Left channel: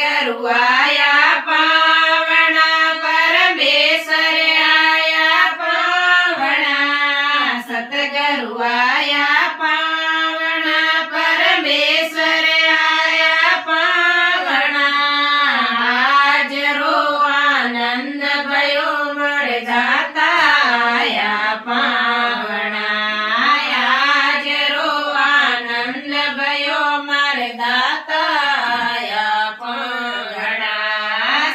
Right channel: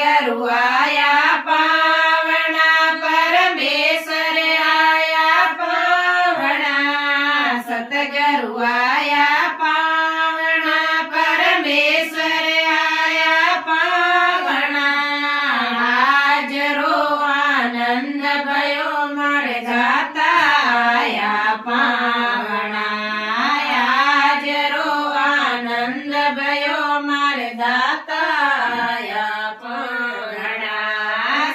सतगुरु आया पावना परमेश्वर आया पावना सतगुरु आया पावना परमेश्वर आया पावना हाजरो आनंद भयो मर जाता आया पावना हाजरो आनंद भयो मर दाता आया पावना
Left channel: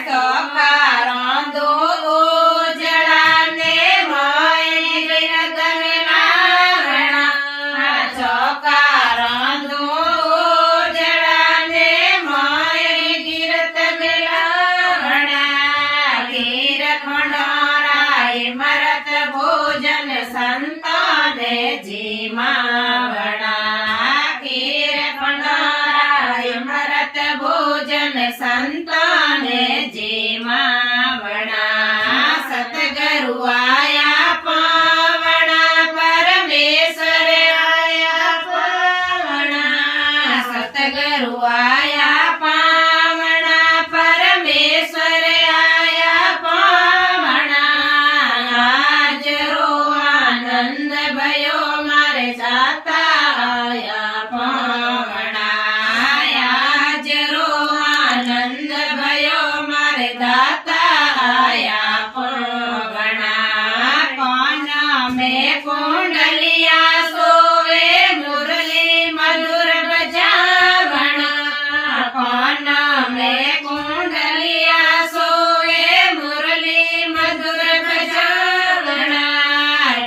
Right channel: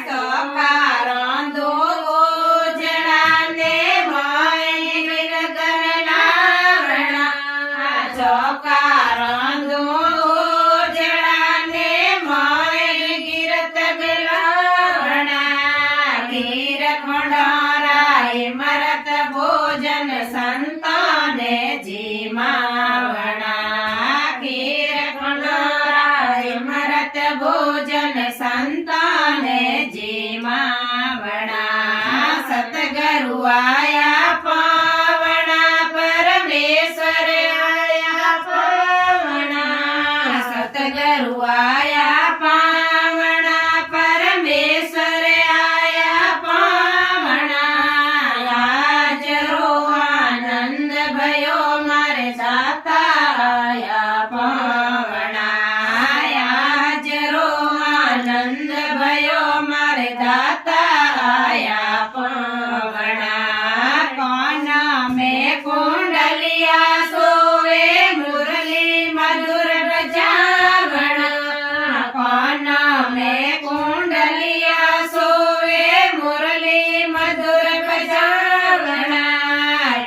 सोकारो दो उजड़ा ने मोय गिरत मिलावना सोकारो दो उजड़ा ने मोय गिरत मिलावना गिर खंडाराय मरत भोजन संताने जीमावना गिर खंडाराय मरत भोजन संताने जीमावना सतगुरु आया पावना परमेश्वर आया पावना सतगुरु आया पावना परमेश्वर आया पावना हाजरो आनंद भयो मारे जाता आया पावना हाजरो आनंद भयो मारे दाता आया पावना कौन में कुंडलिया सोवे मुरली मधुर बजावना कौन में कुंडलिया सोवे मुरली मधुर बजावना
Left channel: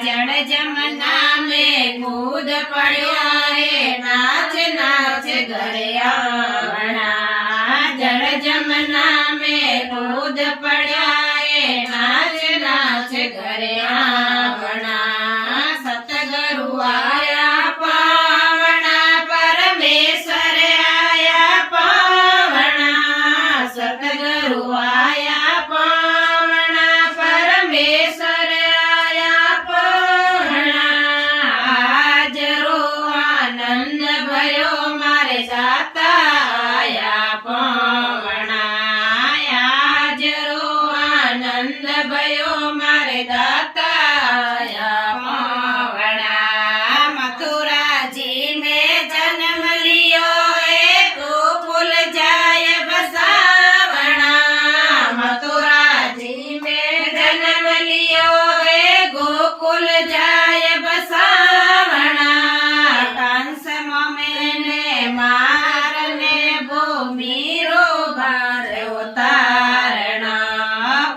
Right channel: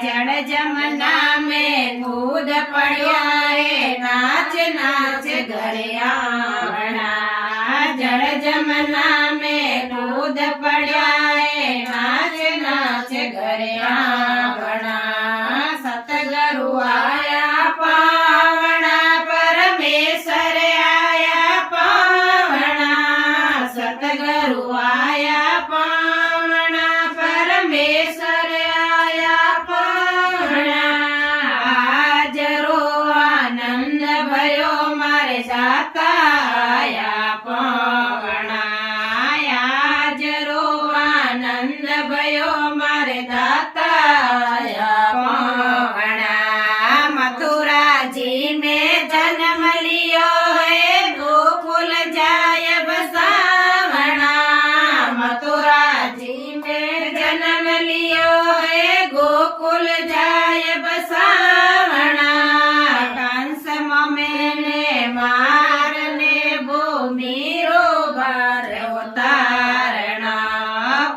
जड़ जमना में कूद पड़िया रे नाच नाच घरे आवना जड़ जमना में कूद पड़िया रे नाच नाच घरे आवना सतगुरु आया पावना परमेश्वर आया पावना सतगुरु आया पावना परमेश्वर आया पावना हाजरो आनंद भयो मारे जाता आया पावना हाजरो आनंद भयो मारे दाता आया पावना मथुरा जी में जन्म लियो है गोकुल जाय बसावना मथुरा जी में जन्म लियो है गोकुल जाय बसावना कंस मैंने मारने भूमि रो भार उतारना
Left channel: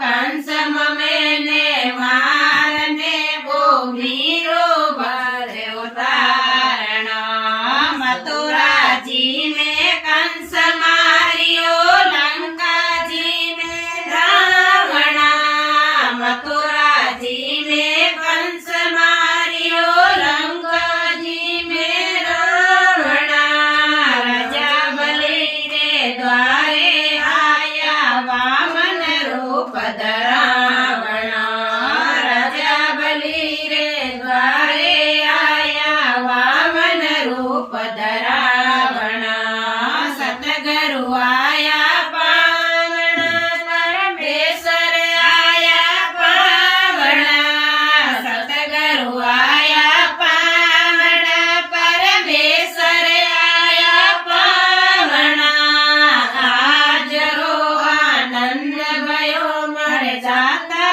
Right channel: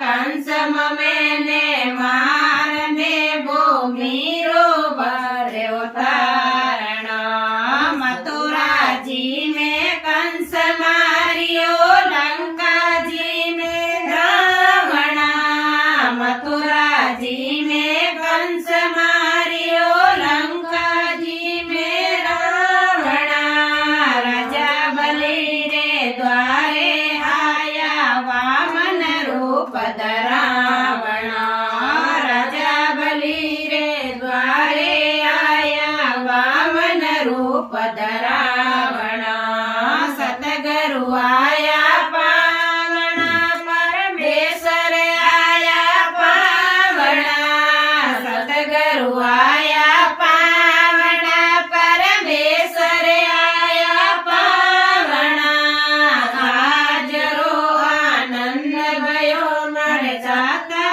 कंस मैंने मारने भूमि रो भार उतारना मथुरा जी में कंस मारियो लंका जी में रावणा मथुरा जी में कंस मारियो लंका जी में रावणा राजा बलि रे द्वारे आया वामन रूप धरावणा राजा बलि रे द्वारे आया वामन रूप धरावणा सतगुरु आया पावना परमेश्वर आया पावना सतगुरु आया पावना परमेश्वर आया पावना हाजरो आनंद भयो मर जाता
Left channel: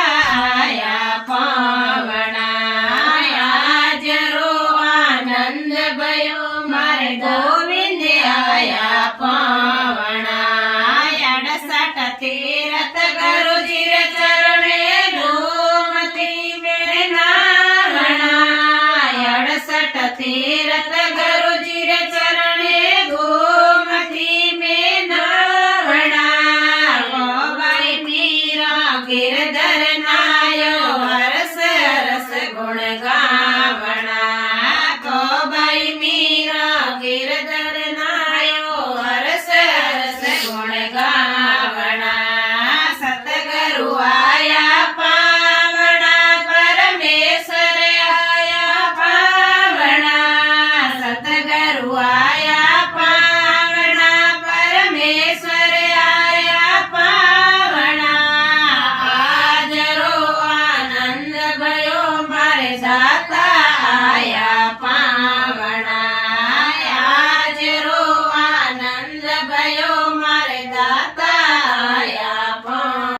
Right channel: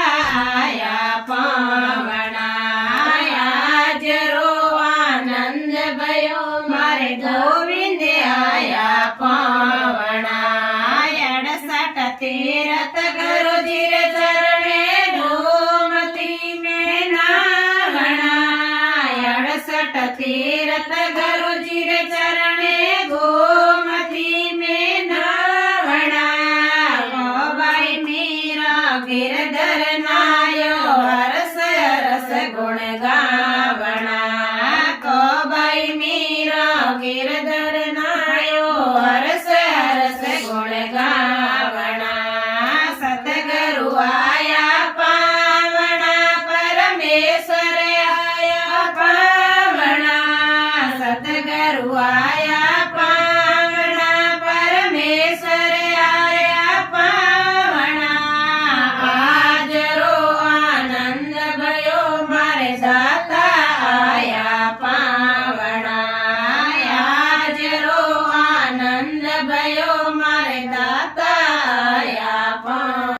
आया पावना हाजरो आनंद भयो मारे गोविंद आया पावना 61 तीरथ गुरु जीर चरणे गोमती में नावना 61 तीरथ गुरु जीर चरणे गोमती में नावना गोबाई मीरा गिरधर नायो